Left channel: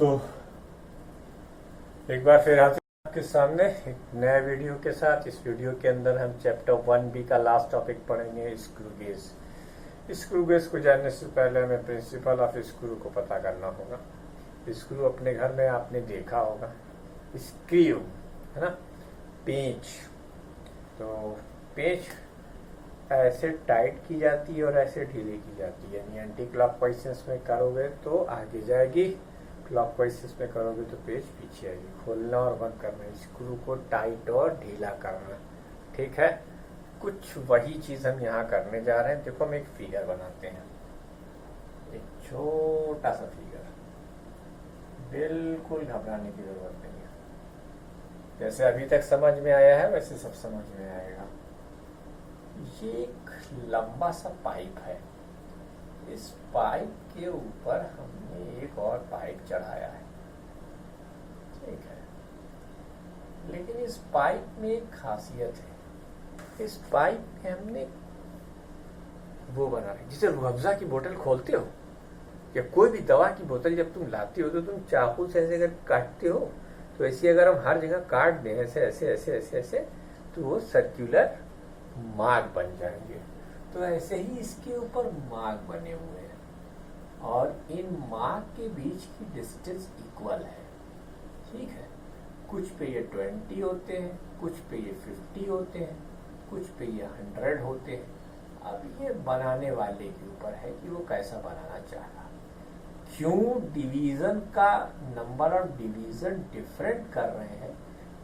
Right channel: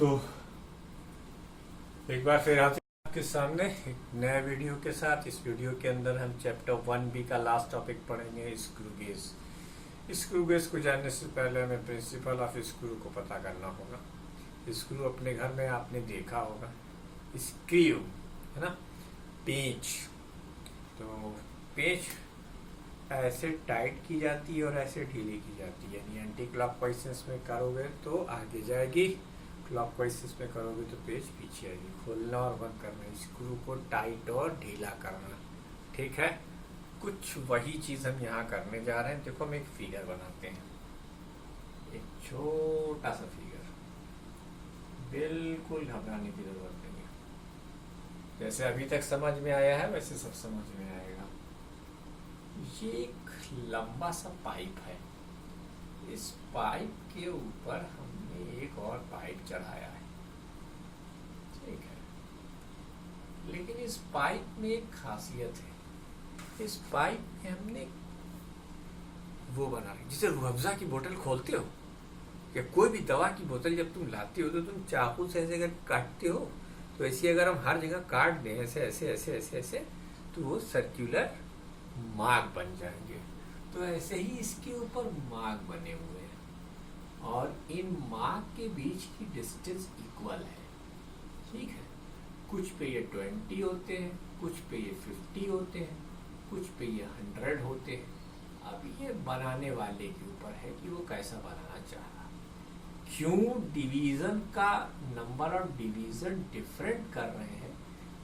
तो एक बार फिर आपके सामने एक नया वीडियो के साथ। इस वीडियो के अंदर हम चैप्टर 1B का लास्ट टॉपिक पढ़ेंगे, स्क्रू गेज। स्क्रू गेज को जानने से पहले हमें प्रिंसिपल ऑफ स्क्रू को पता करना होगा। स्क्रू अपने घर में आपने देखा होगा, स्क्रू है ना, पेंच। तो पेंच ऐसे टाइट की जाती है और ऐसे ढीली की जाती है, यानी एंटी क्लॉकवाइज में करोगे तो आगे जाएगी, क्लॉकवाइज में करोगे तो पेज पीछे आएगी। खोलना और बंद करना, स्क्रू को टाइट और ढीला करना, ठीक है। कुछ वही चीज हम यहाँ करने जा रहे हैं। देखो हम एक फिगर बनाते हैं, एक छोटा सा फिगर, बिल्कुल घबराने की जरूरत नहीं है। जैसे अभी तक समझ में आया है वैसे सब समझ में आएगा। ये एक लंबा सा पाइप है, इस पाइप के ऊपर हमने एक और पाइप चढ़ाया है, ठीक है। लेकिन इस पाइप में एक खासियत है, इस पाइप में हमने वो बना है, जिसे रूह-अफ़ज़ा की बोतल खोलते हो या कोई भी दवा की बोतल जब तुम लाते हो तो तुम चाकू से ऐसे अगर काटते हो तो ऐसे अगर हम हर जगह काट दें ऐसे ऐसे ऐसे ऐसे ऐसे तो वो सर्कुलर मार्ग बन जाएंगे। तो ऐसे ही इसके ऊपर मार्ग बने हुए हैं और इन मार्ग के बीच की डिस्टेंस इक्वल है, ठीक है। कुछ पे ये 20 होते हैं, कुछ पे ये 50 होते हैं, कुछ पे ये 100 होते हैं। अब ये बनाने वाले के ऊपर है कि वो कैसा बनाना चाह रहा। क्यों डिवीजन का नंबर ऑफ डिवीजन डिफरेंट कर रहे हैं,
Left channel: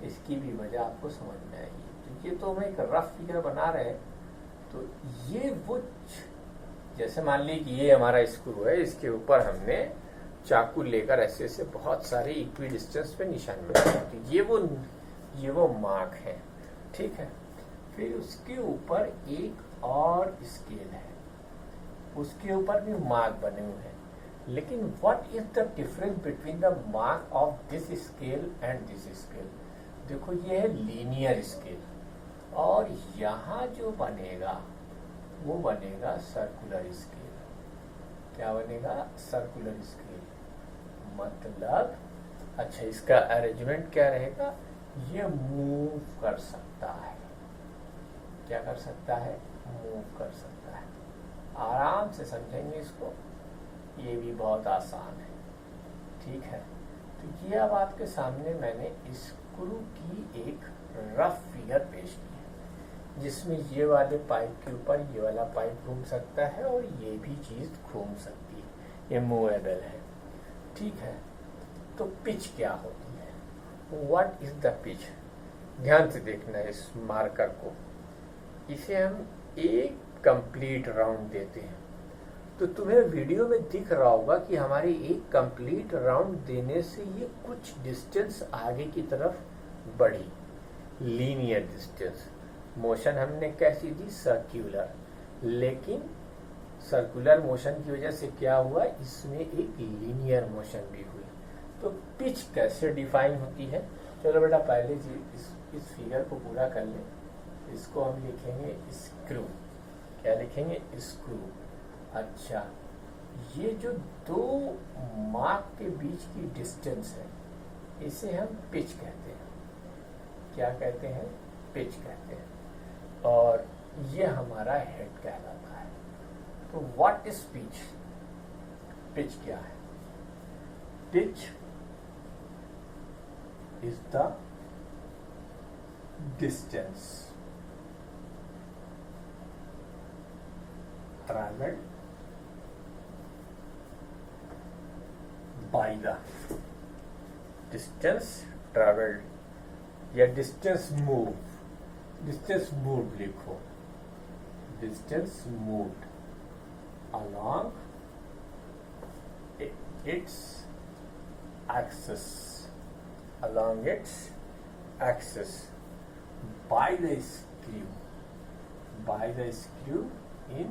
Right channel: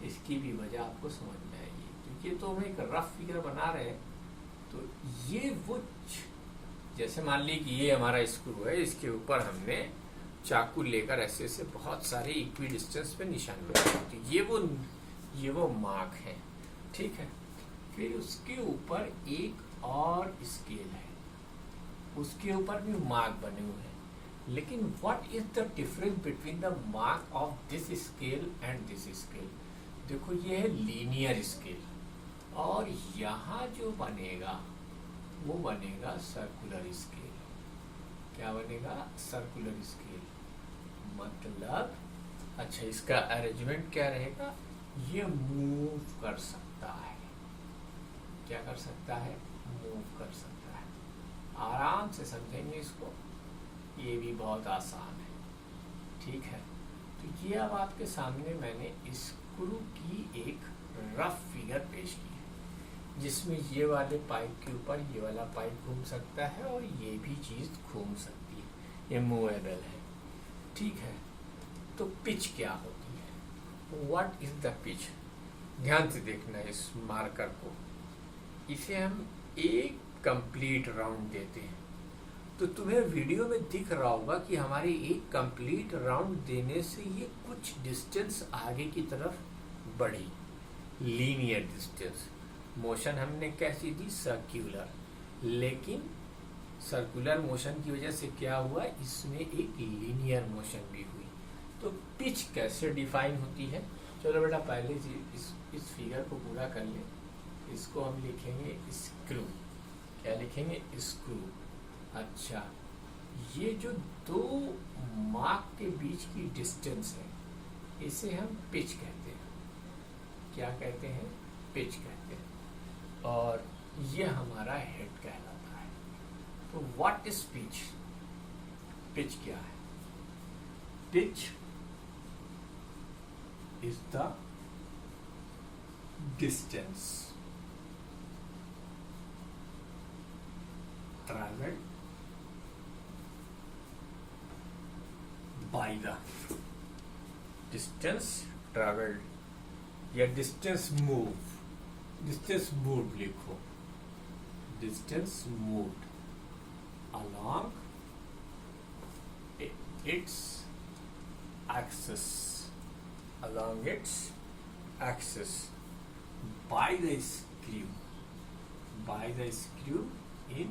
इसकी भी वजह आपको समझ में आएगी। तो ये तो हम एक रफ फिगर बना रहे हैं। तो ये वो जैसे मान ली कि ये हमारा स्क्रू है, इसके ऊपर हमने चाकू लेकर ऐसे ऐसे बहुत सारे इक्वी डिस्टेंस पे निशान बनाए, तो ये वो मार्क है, ठीक है। फिर उसके ऊपर एक और स्केल है, उसके ऊपर भी मार्क बने हुए हैं। लेकिन what is the difference between the mark of this scale and this scale? देखो ये है लीनियर स्केल और यहाँ जो बनेगा वो बनेगा सर्कुलर स्केल। क्या बनेगा? Circular scale. मतलब अच्छा, इसका अरेंजमेंट क्या रहेगा? ये मूव कर सकता है। क्या कर सकता है? मूव कर सकता है। आराम से समझेंगे इसको, ये भी बहुत आसान है, ठीक है। तो ये अब आपके सामने मैंने स्क्रू की एक रफ फिगर पेश की है, जिसमें ये वाले पाइप के ऊपर ये वाला पाइप घूम सकता है और ये भी चीज घूम सकती है, ये मूवेबल है, ठीक है। तो पिच क्या होती है? What is the pitch? ध्यान से देखना इस मार्कर को। इसे हम एक कंप्लीट राउंड देते हैं, तो तुम्हें वीडियो में दिख रहा होगा कि हमारे एक कंप्लीट राउंड देने से ये कुछ डिस्टेंस आगे की तरफ बढ़ी, लीनियर डिस्टेंस। मोशन हमने कैसी दी? सर्कुलर। लेकिन सर्कुलर मोशन की वजह से क्या हुआ? इसमें एक लीनियर मोशन भी हुई। तो पिच कैसे डिफाइन होती है? चलो बेटा पहले इस फिगर को पूरा कर ले। इसको हम लिखेंगे स्क्रू। क्या लिखेंगे? स्क्रू। अच्छा, ये जो दो मार्क के बीच की डिस्टेंस है इसे हम पिच कहते हैं। क्या कहते हैं? पिच कहते हैं। और ये हमारा हेड कहलाता है। तो व्हाट इज पिच? पिच क्या है? Pitch is the distance traveled by the distance traveled या distance moved लिखो, distance moved along its axis, by the screw in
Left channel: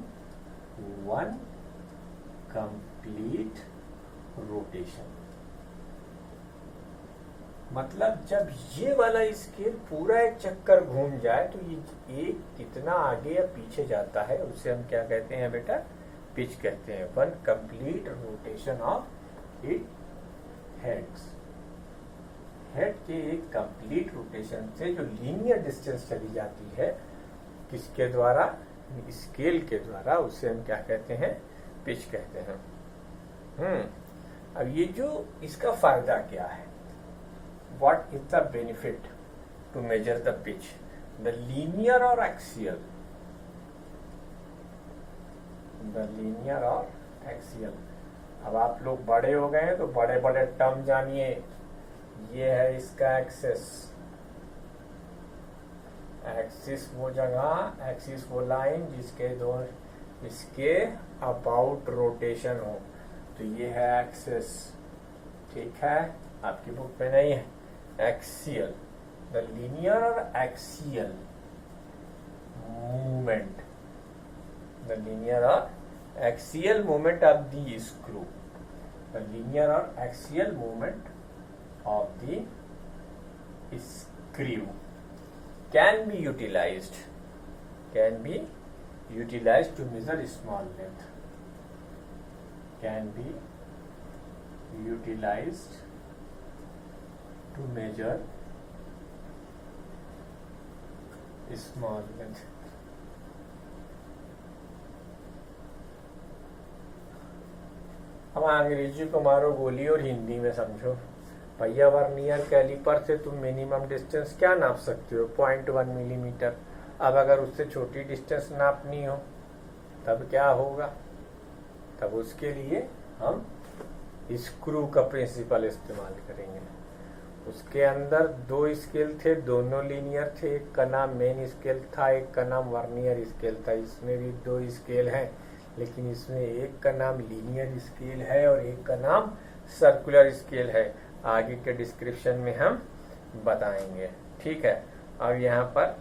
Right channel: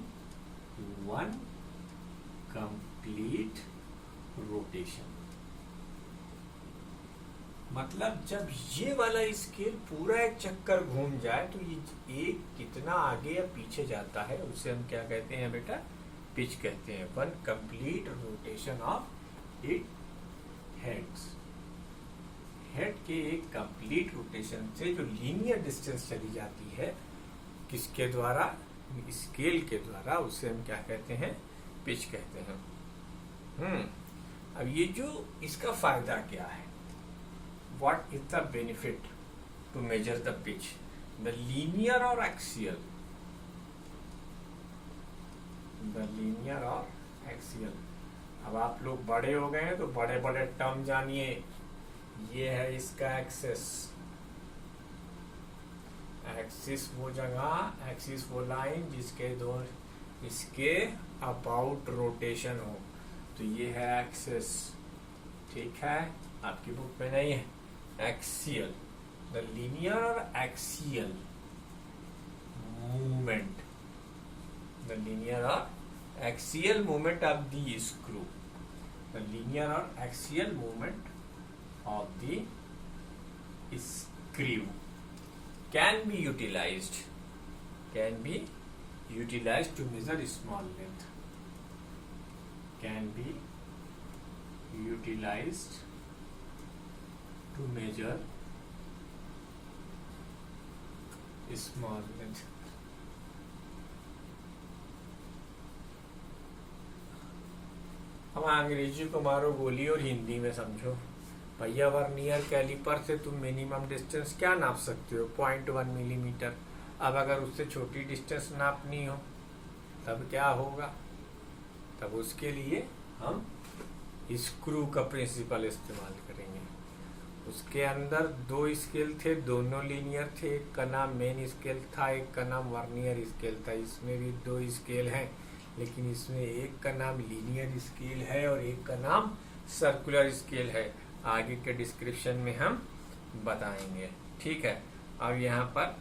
one complete rotation। मतलब जब ये वाला स्केल पूरा एक चक्कर घूम जाए तो ये एक कितना आगे या पीछे जाता है उसे हम क्या कहते हैं बेटा? पिच कहते हैं। One complete rotation of it heads. Head के एक कंप्लीट रोटेशन से जो लीनियर डिस्टेंस चली जाती है, किसके द्वारा? स्केल के द्वारा, उसे हम क्या कहते हैं? पिच कहते हैं। अब ये जो इसका फायदा क्या है? What is the benefit to measure the pitch? The linear और एक्सियल, द लीनियर और एक्सियल। अब आप लोग बड़े हो गए हैं तो बड़े बड़े टर्म जानिए। ये है इसका एक्सेस, एक्सिस वो जगह, एक्सिस वो लाइन जिसके दोनों इसके अबाउट रोटेशन हो, तो ये है एक्सिस। ठीक है, आपकी बुक में नहीं है। एक्सियल, द लीनियर और एक्सियल मूवमेंट, द लीनियर और axial movement of the screw, the linear और axial movement of the screw can be utilized to measure small length, can be utilized to measure small length। हम अंग्रेजी को मारो गोली और हिंदी में समझो। भैया वर्नियर कैलिपर से तुम मिनिमम डिस्टेंस क्या नाप सकते हो? 0.1 मिलीमीटर। अब अगर उससे छोटी डिस्टेंस नापनी हो तब क्या होगा? तब उसके लिए हम स्क्रू का प्रिंसिपल इस्तेमाल करेंगे। उसके अंदर 2 स्केल थे, दोनों लीनियर थे। एक का नाम मेन स्केल था, एक का नाम वर्नियर स्केल था। इसमें भी 2 स्केल हैं, लेकिन इसमें एक का नाम लीनियर स्केल है और एक का नाम सर्कुलर स्केल है। आगे के डिस्क्रिप्शन में हम बताएंगे। ठीक है, अब यहाँ पर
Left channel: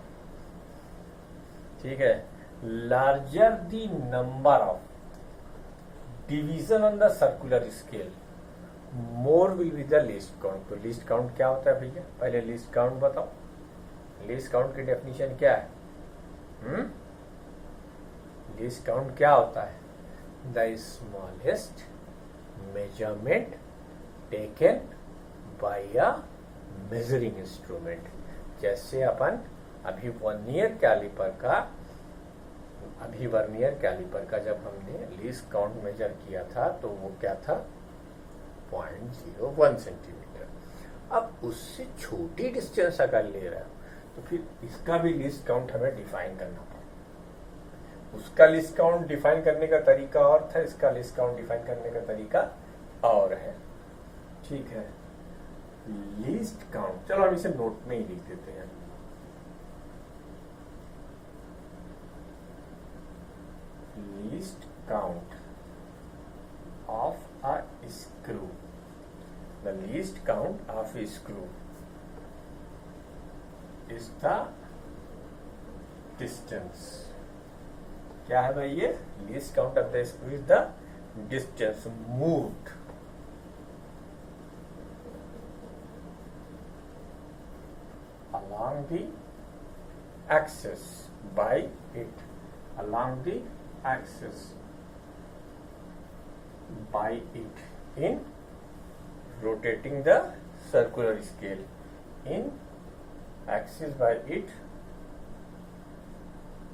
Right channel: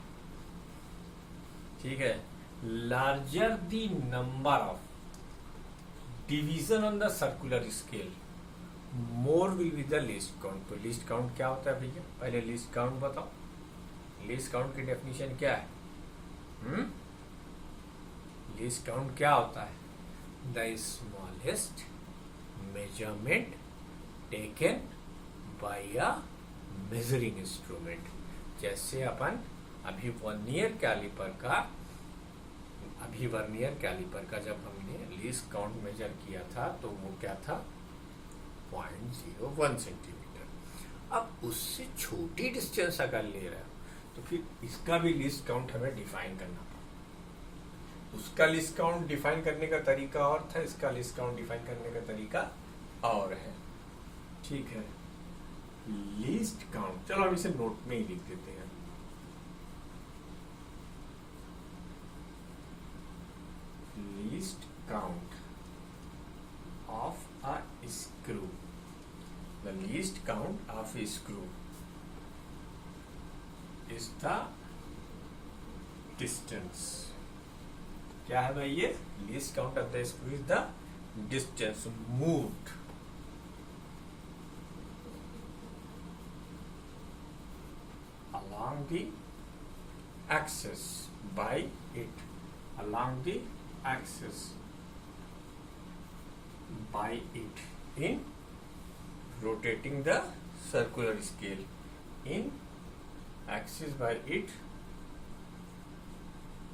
ठीक है, larger the number of division on the circular scale more will be the least count. तो लीस्ट काउंट क्या होता है भैया? पहले लीस्ट काउंट बताओ। लीस्ट काउंट की डेफिनेशन क्या है? लीस्ट काउंट क्या होता है? The smallest measurement taken by a measuring instrument. जैसे अपन अभी वर्नियर कैलिपर का जब हमने लीस्ट काउंट मेजर किया था तो वो क्या था? 0.01 सेंटीमीटर। अब उससे छोटी डिस्टेंस अगर ले रहा है तो फिर इसका भी लीस्ट काउंट हमें डिफाइन करना पड़ेगा। उसका लिस्ट काउंट डिफाइन करने का तरीका और था, इसका लिस्ट काउंट डिफाइन करने का तरीका और है। ठीक है, लीस्ट काउंट, चलो हम इसे नोट में ही लिख देते हैं। Least count of a screw, the least count of A screw is the distance. क्या है भाई? ये least count of the screw is the distance moved along the axis by it, along the axis by it in rotating the circular scale, in axis by it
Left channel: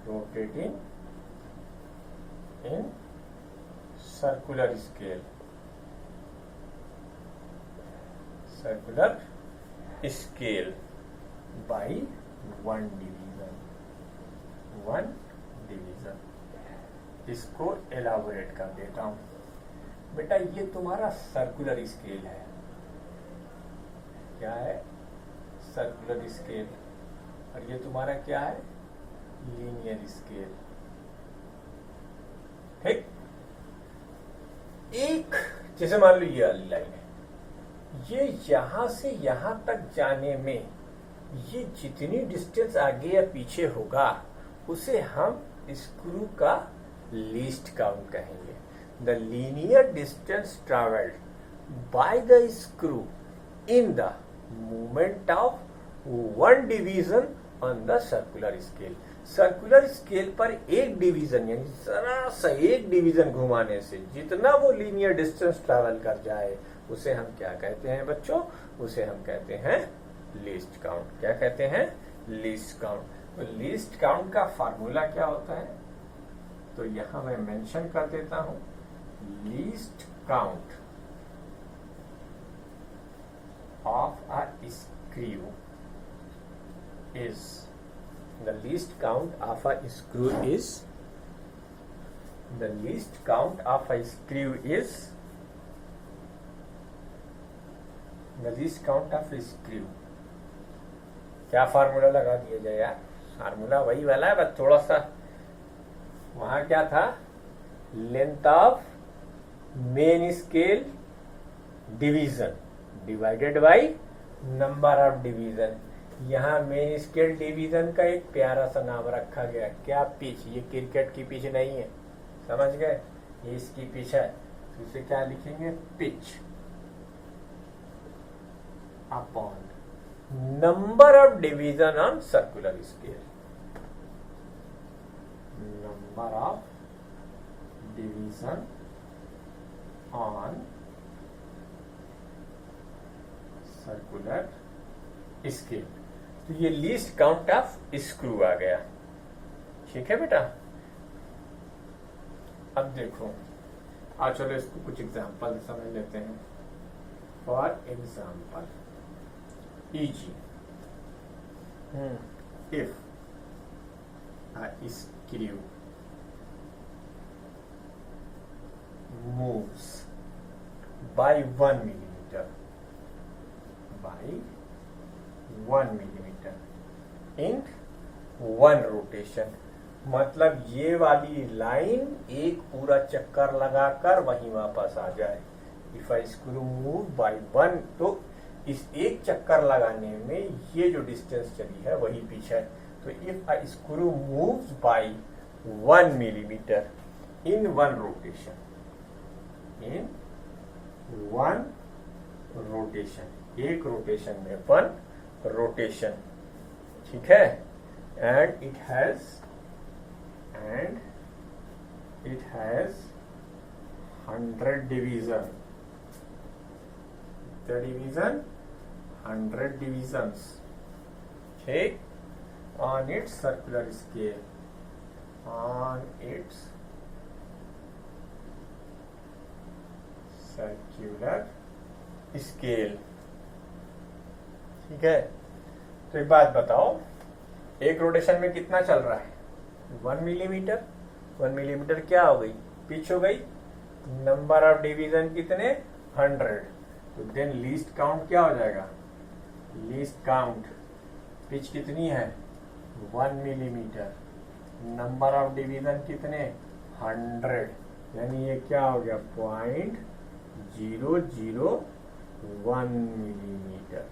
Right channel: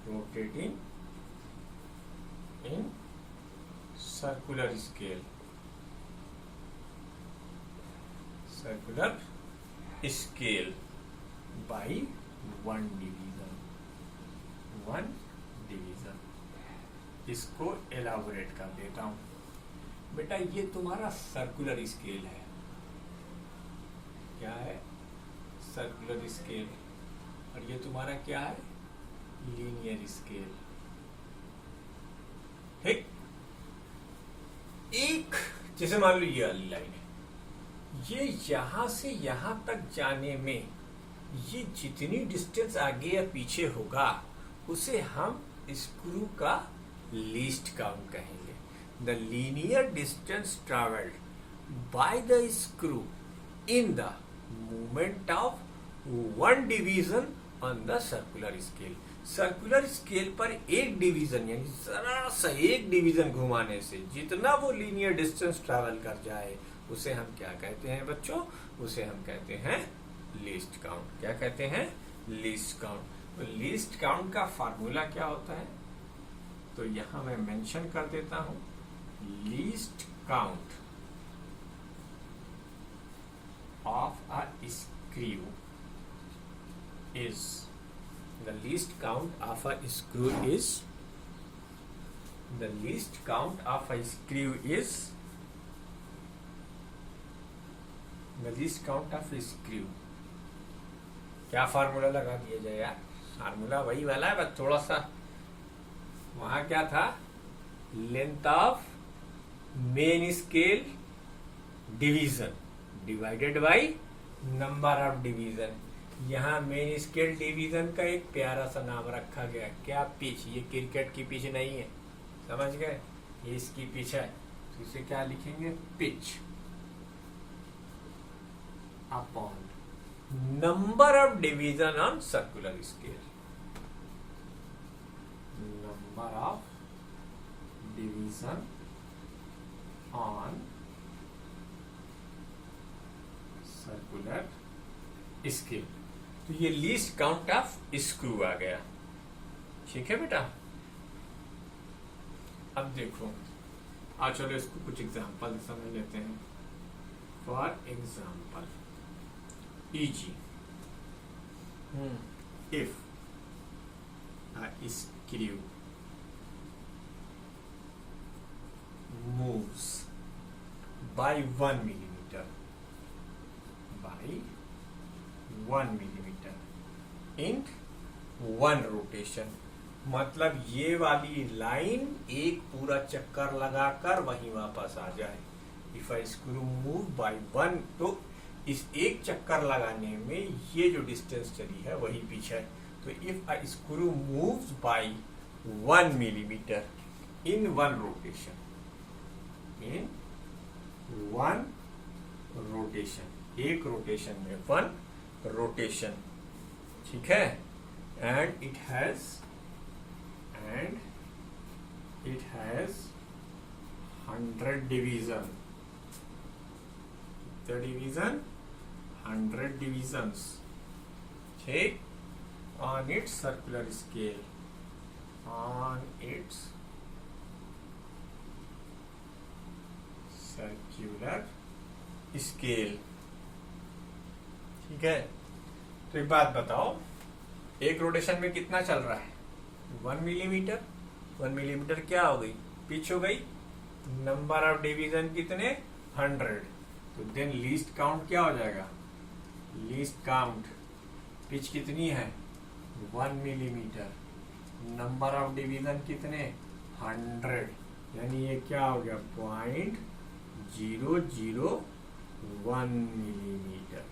rotating in circular scale, circular scale by 1 division, 1 division। इसको elaborate कर देता हूं। बेटा ये तुम्हारा circular scale है। क्या है? Circular scale. और ये तुम्हारा क्या है? Linear scale. ठीक, एक जैसे मान लो ये वाली लाइन है, ये यहां से यहां तक जाने में ये जितनी डिस्टेंस आगे या पीछे होगा उसे हम स्क्रू का लीस्ट काउंट कहेंगे। The linear distance travelled by the screw in the movement of 1 division on the circular scale. Circular scale पर एक डिवीजन यानी जरा सा एक डिवीजन घुमाने से जितना वो लीनियर डिस्टेंस ट्रैवल कर जाए उसे हम क्या कहते हैं बच्चों? उसे हम कहते हैं लीस्ट काउंट। क्या कहते हैं? Least count. तो लीस्ट काउंट का फार्मूला क्या होता है? तो यहां मैं मेंशन कर देता हूं, least count of a screw is, the least count of a screw is, the least count of a screw is, the least count of a screw। क्या फार्मूला लगा दिया जाए यार? फार्मूला वही वाला है, बस थोड़ा सा वहां क्या था, length of main scale division divided by number of division. यहाँ मेन स्केल डिवीजन का एक प्यारा सा नाम रखा गया, क्या? पिच। ये क्रिकेट की पिच नहीं है, समझ गए? ये इसकी पिच है, तो इसे क्या लिखेंगे? Pitch upon number of division on circular scale. Number of division on circular scale. तो ये लीस्ट काउंट ऑफ स्क्रू आ गया। ठीक है बेटा? अब देखो, चलो इसको कुछ एग्जांपल समझ लेते हैं। For example, easy, if a screw moves by 1 millimeter, by 1 millimeter in one rotation, मतलब ये वाली लाइन एक पूरा चक्कर लगाकर वहीं वापस आ जाए। If I screw move by 1, तो इस एक चक्कर लगाने में ये जो डिस्टेंस चली है वही पिच है। तो if I screw moves by 1 millimeter in one rotation, in one rotation, एक रोटेशन में 1 रोटेशन, ठीक है? And it has 100 division, division 100 divisions, ठीक? On its circular scale, on its circular scale, ठीक है? तो एक बात बताओ, एक रोटेशन में कितना चल रहा है? 1 मिलीमीटर। 1 मिलीमीटर क्या हो गई? पिच हो गई। नंबर ऑफ डिवीजन कितने? 100। तो देन लीस्ट काउंट क्या हो जाएगा? लीस्ट काउंट, पिच कितनी है? 1 मिलीमीटर, नंबर ऑफ डिवीजन कितने? 100, यानी ये क्या हो गया? 0.001 मिलीमीटर।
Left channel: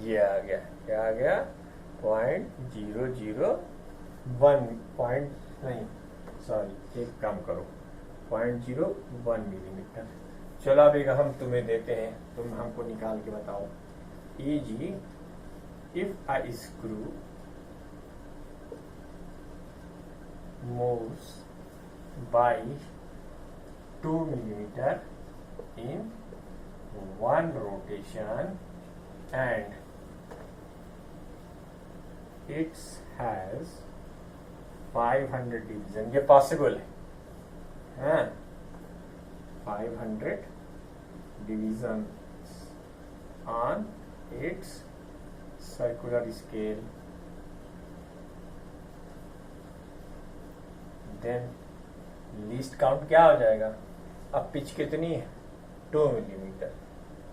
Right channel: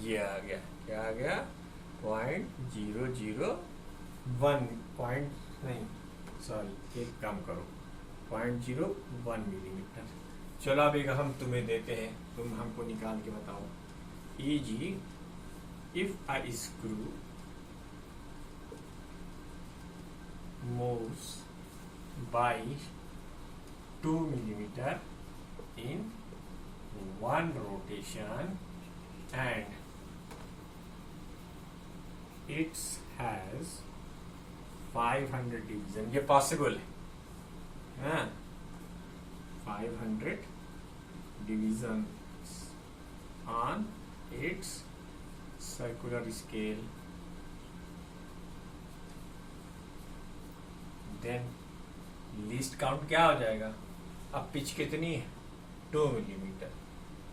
ये आ गया, क्या आ गया? 0.001 पॉइंट नहीं, सॉरी, एक काम करो, 0.01 मिलीमीटर। चलो अब एक हम तुम्हें देते हैं, तुम हमको निकाल के बताओ। Easy, if a screw moves by 2 millimeter in one rotation and it has 500 division, ये पॉसिबल है, 500 divisions on its circular scale, then least count क्या हो जाएगा? अब पिच कितनी है? 2 मिलीमीटर।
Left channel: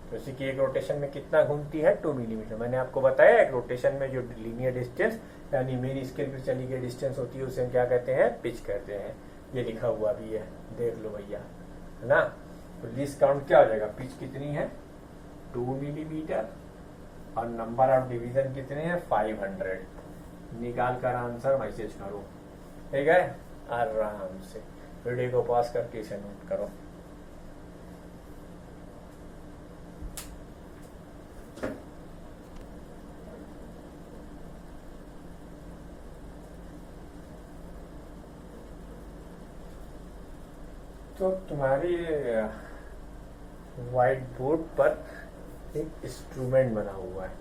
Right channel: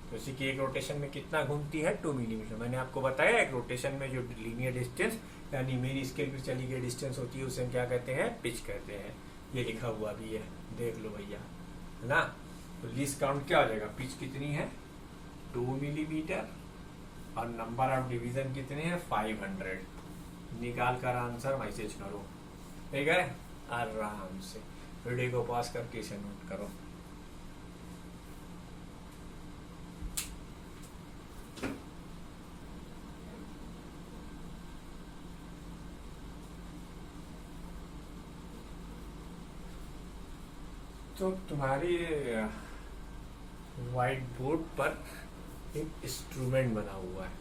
तो इसी की एक रोटेशन में कितना घूमती है? 2 मिलीमीटर। मैंने आपको बताया एक रोटेशन में जो लीनियर डिस्टेंस यानी मेरी स्केल पर चली गई डिस्टेंस होती है उसे हम क्या कहते हैं? पिच कहते हैं। ये लिखा हुआ भी है, देख लो भैया, है ना? तो लीस्ट काउंट क्या हो जाएगा? पिच कितनी है? 2 मिलीमीटर और नंबर ऑफ डिवीजन कितने हैं? 500। निकाल कर आंसर मैसेज करो, ठीक है? आराम से वीडियो को पॉज करके सबमिट करो। तो तुम्हारी व्हाइट बोर्ड पर एक इंस्ट्रूमेंट बना हुआ है,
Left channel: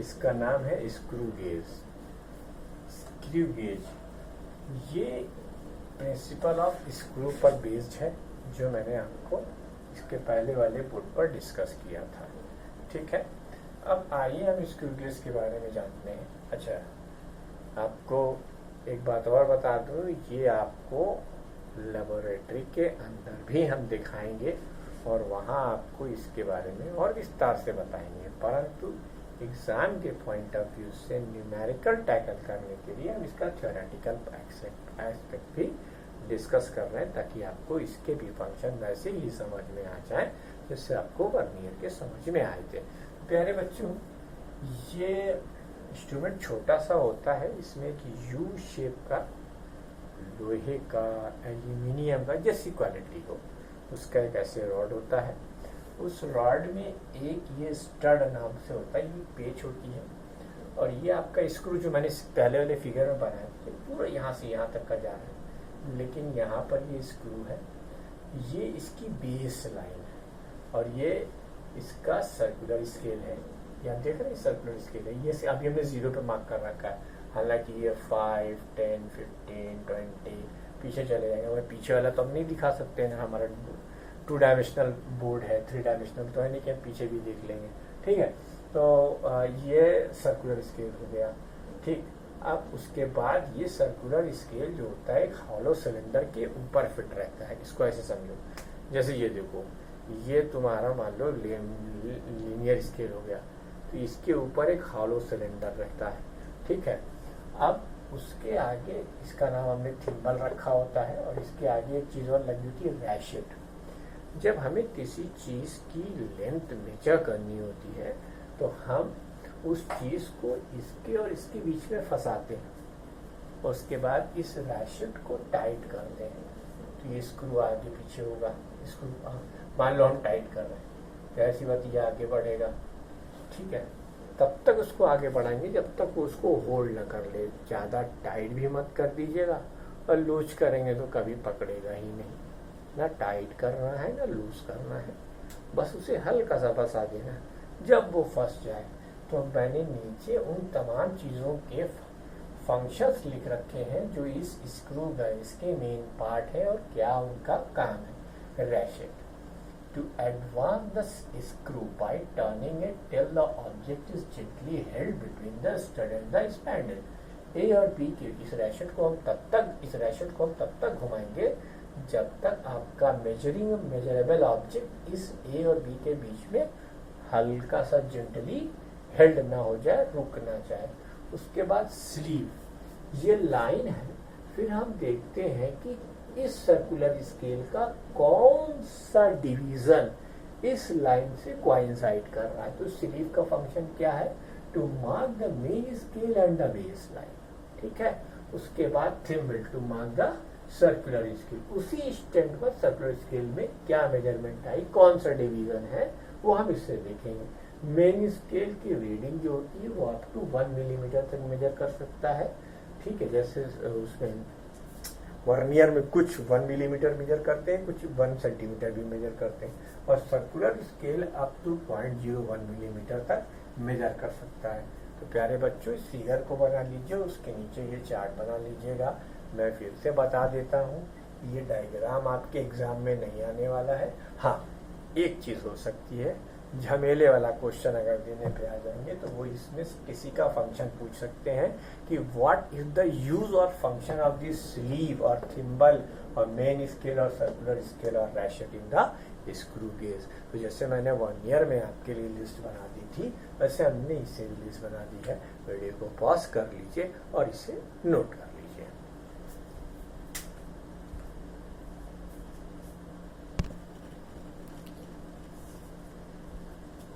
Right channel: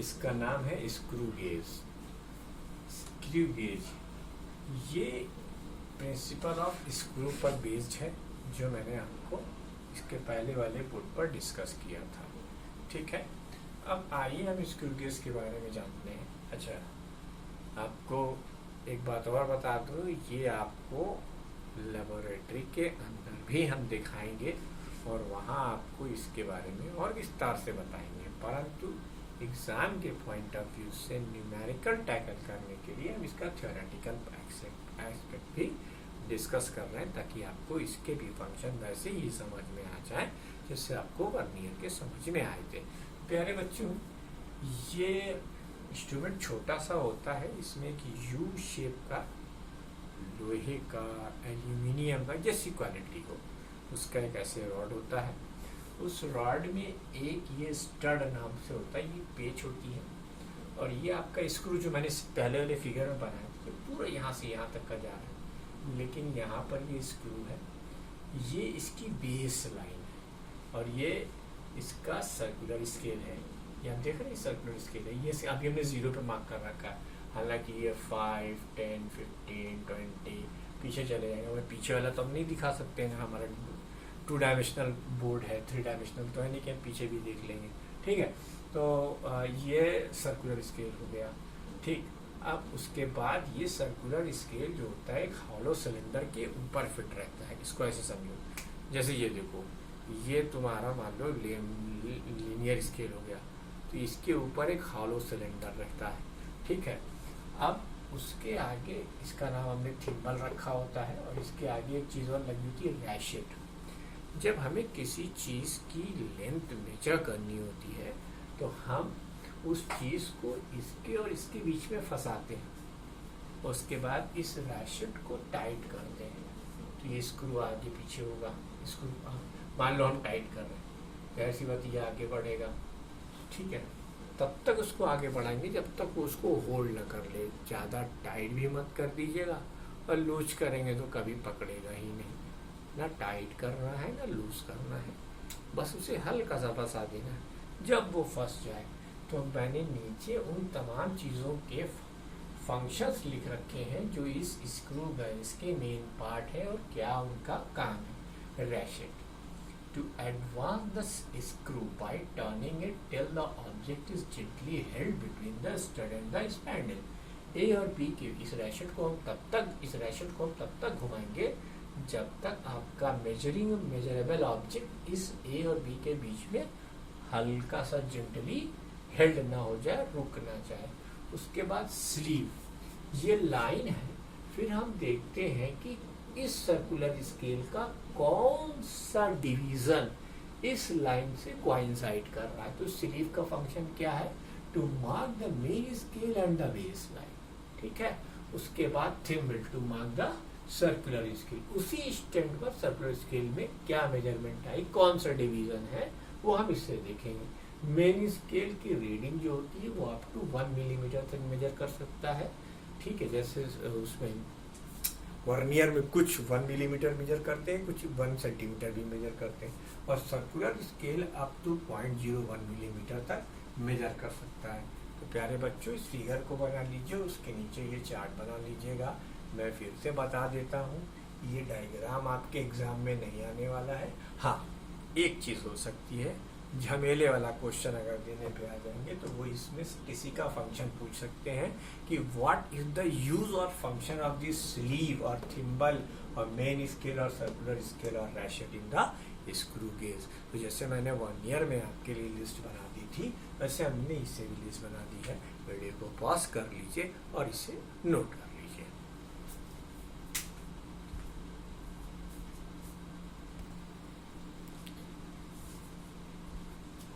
इसका नाम है स्क्रू गेज। स्क्रू गेज ये प्रिंसिपल ऑफ स्क्रू पर बेस्ड है, जो मैंने आपको इसके पहले वाले बोर्ड पर डिस्कस किया था। ठीक है, अब आइए हम स्क्रू गेज के बारे में जानते हैं। अच्छा, आपको एक बात और बता दूं, ये आपको लेबोरेटरी के अंदर भी हम दिखाएंगे और वहाँ आपको इसके बारे में और विस्तार से बताएंगे, परंतु एग्जाम के पॉइंट ऑफ व्यू से न्यूमेरिकल टैकल करने के लिए हम इसका थ्योरेटिकल एस्पेक्ट भी डिस्कस कर रहे हैं, ताकि आपको इसके भी फंक्शन वैसे ही समझ में आ जाए जिससे आपको वर्नियर के समझ में आए थे। प्यारे बच्चों, ये इंस्ट्रूमेंट छोटा सा होता है, इसमें कि यू शेप का लोहे का, एल्यूमिनियम का, जैसी क्वालिटी हो उसका एक ऐसे रॉड होता है। उस रॉड में एक ये स्टड नाम से होता है, ये पेच होती है, और ये आपका स्क्रू जो मैंने पहले वाले फिगर में बनाया तो पूरा यहाँ से यहाँ तक का जा रहा है, लेकिन यहाँ पर ये स्क्रू है, ये इसकी बेस लाइन है और ये इसका सर्कुलर स्केल है। ये आप देख रहे हैं सर्कुलर स्केल है, ये अभी हमने 0 पे मार्क कर रखा है, हालांकि ये 5, 10, 15, 20 पीछे चले जाएंगे। मैं पीछे वाला तो हम नहीं दिखा सकते ना, हमारा 2 डायमेंशनल बोर्ड है, 3 डायमेंशनल तो है नहीं कि हम पीछे भी देख लेंगे। ठीक है, तो ये सर्कुलर स्केल हो गया। ठीक, अब उसके बाद ये सर्कुलर स्केल जो होता है एक हॉलो सिलेंडर के ऊपर फिट रहता है। इसको ऐसे समझो, जैसे ये देखो, ये तुम्हारा मान लो लीनियर स्केल हो गया, तो इसके ऊपर एक हॉलो सिलेंडर रहता है। ठीक है, अब उसके आगे इसका नाम हमने थिम्बल रखा होता है, और इसके आगे एक चीज़ और लगी होती है, रैशेट। जब हमें किसी चीज़ की लेंथ मेजर करनी होती है तो हम उस चीज़ को इसके और इसके बीच में फंसाते हैं, उसके बाद इस रैशेट को टाइट करते हैं, तो ये स्क्रू आगे पीछे होगा। स्क्रू मान लो हम टाइट कर रहे हैं, ऐसी बात ये आगे बढ़ेगा। ठीक है, तब तक उसको आगे बढ़ाएंगे जब तक वो उसको होल्ड ना कर ले। ज़्यादा टाइट भी मत कर दीजिएगा, और लूज करेंगे तो कभी पकड़ेगा ही नहीं। ना टाइट करना है ना लूज करना है, बस उसे हल्का सा फंसा देना है। जब वो फंस जाए तो मैंने नीचे उन तमाम चीज़ों के फंक्शंस लिख रखे हैं जो इस स्क्रू गेज के मेन पार्ट है और क्या उनका काम है। रैशेट to advance the screw by turning it till the object is gently held between the stud and the spindle। A और B के इस रैशेट को हम तब तक घुमाएंगे जब तक आपका मेजरेबल ऑब्जेक्ट इस A और B के बीच में हल्का सा जेंटली हेल्ड ना हो जाए, रुक ना जाए। उसके बाद स्लीव, ये लाइन है। फिर हम देखते हैं कि इस सर्कुलर स्केल का कौन सा डिवीजन इस लाइन से कोइंसाइड कर रहा है। तो स्लीव का फंक्शन क्या है, to mark the main scale and the base line. ठीक है, उसके बाद thimble to mark the circular scale. उसी स्टैंड पर सर्कुलर स्केल में क्या मेजरमेंट आई, कौन सा डिवीजन है, वो हम इससे देखेंगे। मेन स्केल की रीडिंग जो होती है वो अप टू 1 मिलीमीटर तक मेजर कर सकता है। ठीक है, जैसे उसमें वर्नियर में कुछ 1 मिलीमीटर मेजर करते हैं, कुछ 1 सेंटीमीटर भी मेजर करते हैं, और circular scale up to 0.01 millimetre तक मेजर कर सकता है। तो प्यारे बच्चों, इस फिगर को बना लीजिए, उसके नीचे ये चार्ट बना लीजिएगा। मैं फिर से बता देता हूँ, ये डायग्राम आपके एग्जाम में नहीं आने वाला है। हाँ, एक चीज़ हो सकती है, झमेले वाला क्वेश्चन अगर देने पे आ जाएंगे तो वो इसमें किसी का फंक्शन पूछ सकते हैं कि व्हाट इज द यूज और फंक्शन ऑफ दिस स्लीव और थिम्बल और मेन स्केल और सर्कुलर स्केल और रैशेट इन द स्क्रू गेज। तो जैसे मैंने 1 ईयर में आपके लिए लिस्ट बना दी थी, वैसे हमने इसे भी लिस्ट बना दी है। वीडियो को पॉज कर लीजिए और इसे नोट कर लीजिए।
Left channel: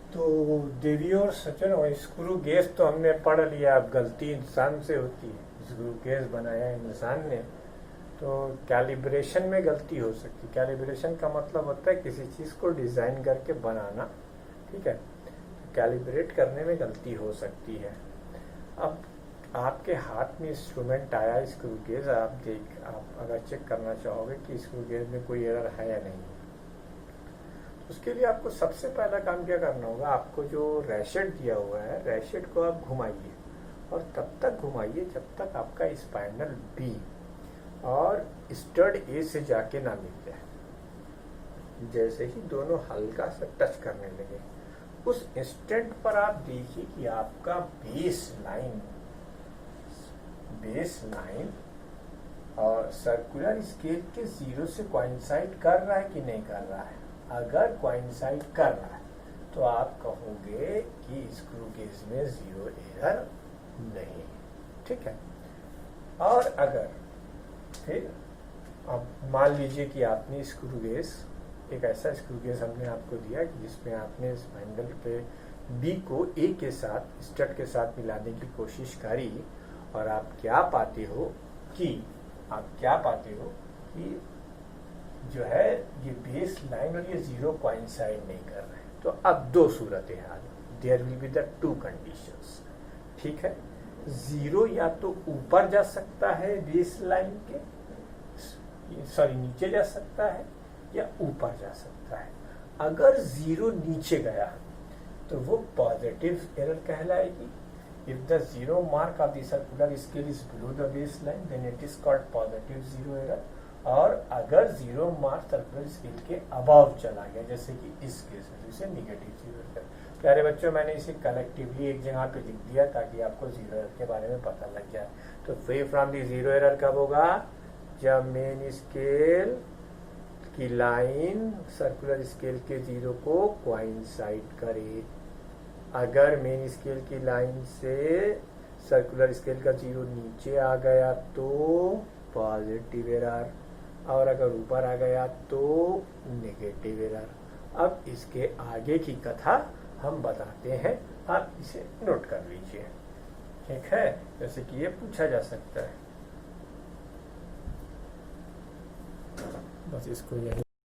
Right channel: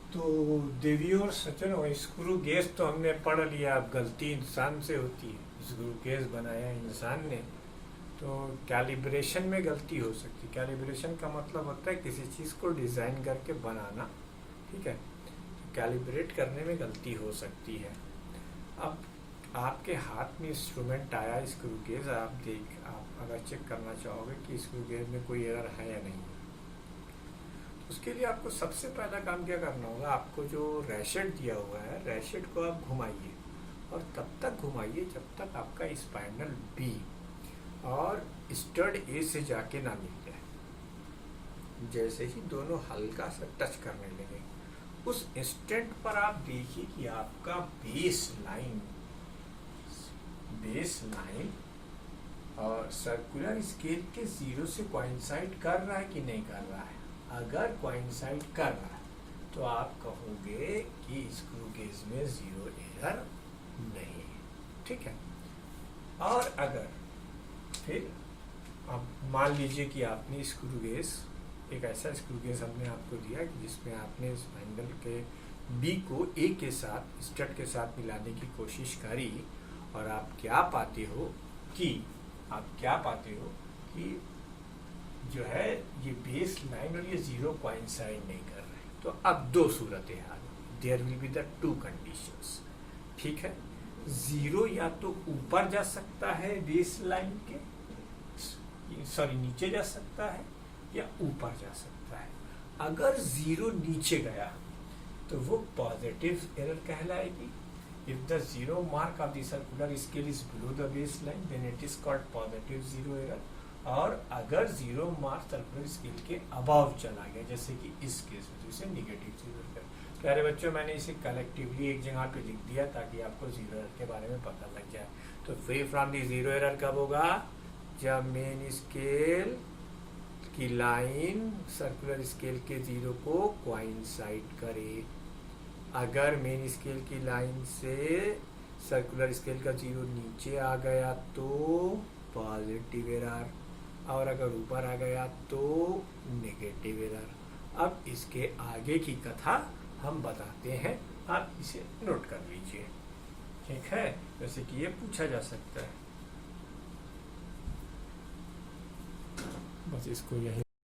तो देवियों और सज्जनों, स्क्रू गेज तो हमने पढ़ लिया। अब गलती इंसान से होती है, स्क्रू गेज बनाया इंसान ने, तो कैलिब्रेशन में गलती हो सकती है। कैलिब्रेशन का मतलब होता है किसी चीज़ को डिज़ाइन करके बनाना। ठीक है, तो कैलिब्रेट करने में गलती हो सकती है। अब आपके हाथ में इंस्ट्रूमेंट आया स्क्रू गेज, आप अगर चेक करना चाहोगे कि स्क्रू गेज में कोई एरर है या नहीं, उसके लिए आपको सबसे पहला काम क्या करना होगा, आपको जो रैशेट दिया हुआ है, रैशेट को आप घुमाइए और तब तक घुमाइए जब तक आपका स्पाइनल बी और स्टड ए से जाके ना मिल जाए। जैसे ही दोनों हल्का सा टच करने लगे, उस इंस्टेंट पर आप देखिए कि आपका बेस लाइन और सर्कुलर स्केल के जीरो से कोइंसाइड कर रहा है कि नहीं कर रहा है। अगर कोइंसाइड कर रहा है तो आप कहोगे कि स्क्रू गेज में जीरो एरर नहीं है, ठीक है। और अगर फिर अब मान लीजिए कि आपने स्क्रू गेज, एक ऐसा स्क्रू गेज हमने आपको दिया कि जिसमें आपने स्पाइनल के बी को ए के साथ, स्टड के साथ मिलाने की कोशिश करी, और आप क्या पाते हो कि जो है ये बेस लाइन और ये जीरो कोइंसाइड नहीं कर रहे हैं। तो अब दो सूरतें हाल, there will be the two conditions, ठीक है। जीरो या तो ऊपर जा सकता है बेस लाइन के, नीचे जा सकता है, या ऊपर जा सकता है। अगर जीरो नीचे गया तो वो पॉजिटिव एरर कहलाएगी। If the zero mark of the circular scale is below the base line then it is called positive zero error. और अगर जीरो मार्क सर्कुलर स्केल के अबव चला गया, जैसे कि इस केस में, तो इसे निगेटिव जीरो एरर। प्यारे बच्चों, मैंने इसे कलेक्टिवली एक जगह पे लिख दिया ताकि आपको जीरो एरर के बारे में पता लग जाए। तो free from the zero error कब होगा, जब मेन स्केल की लाइन सर्कुलर स्केल के जीरो को कोइंसाइड करे। अगर मेन स्केल की लाइन से सर्कुलर स्केल का जीरो नीचे आ गया तो पॉजिटिव एरर, और अगर ऊपर आ गया तो नेगेटिव एरर। अब इसके आगे की कथा हम बताते हैं, आप इसे नोट कर लीजिए, ठीक है। जैसे कि ये पूछा जा सकता है, बस इसको यही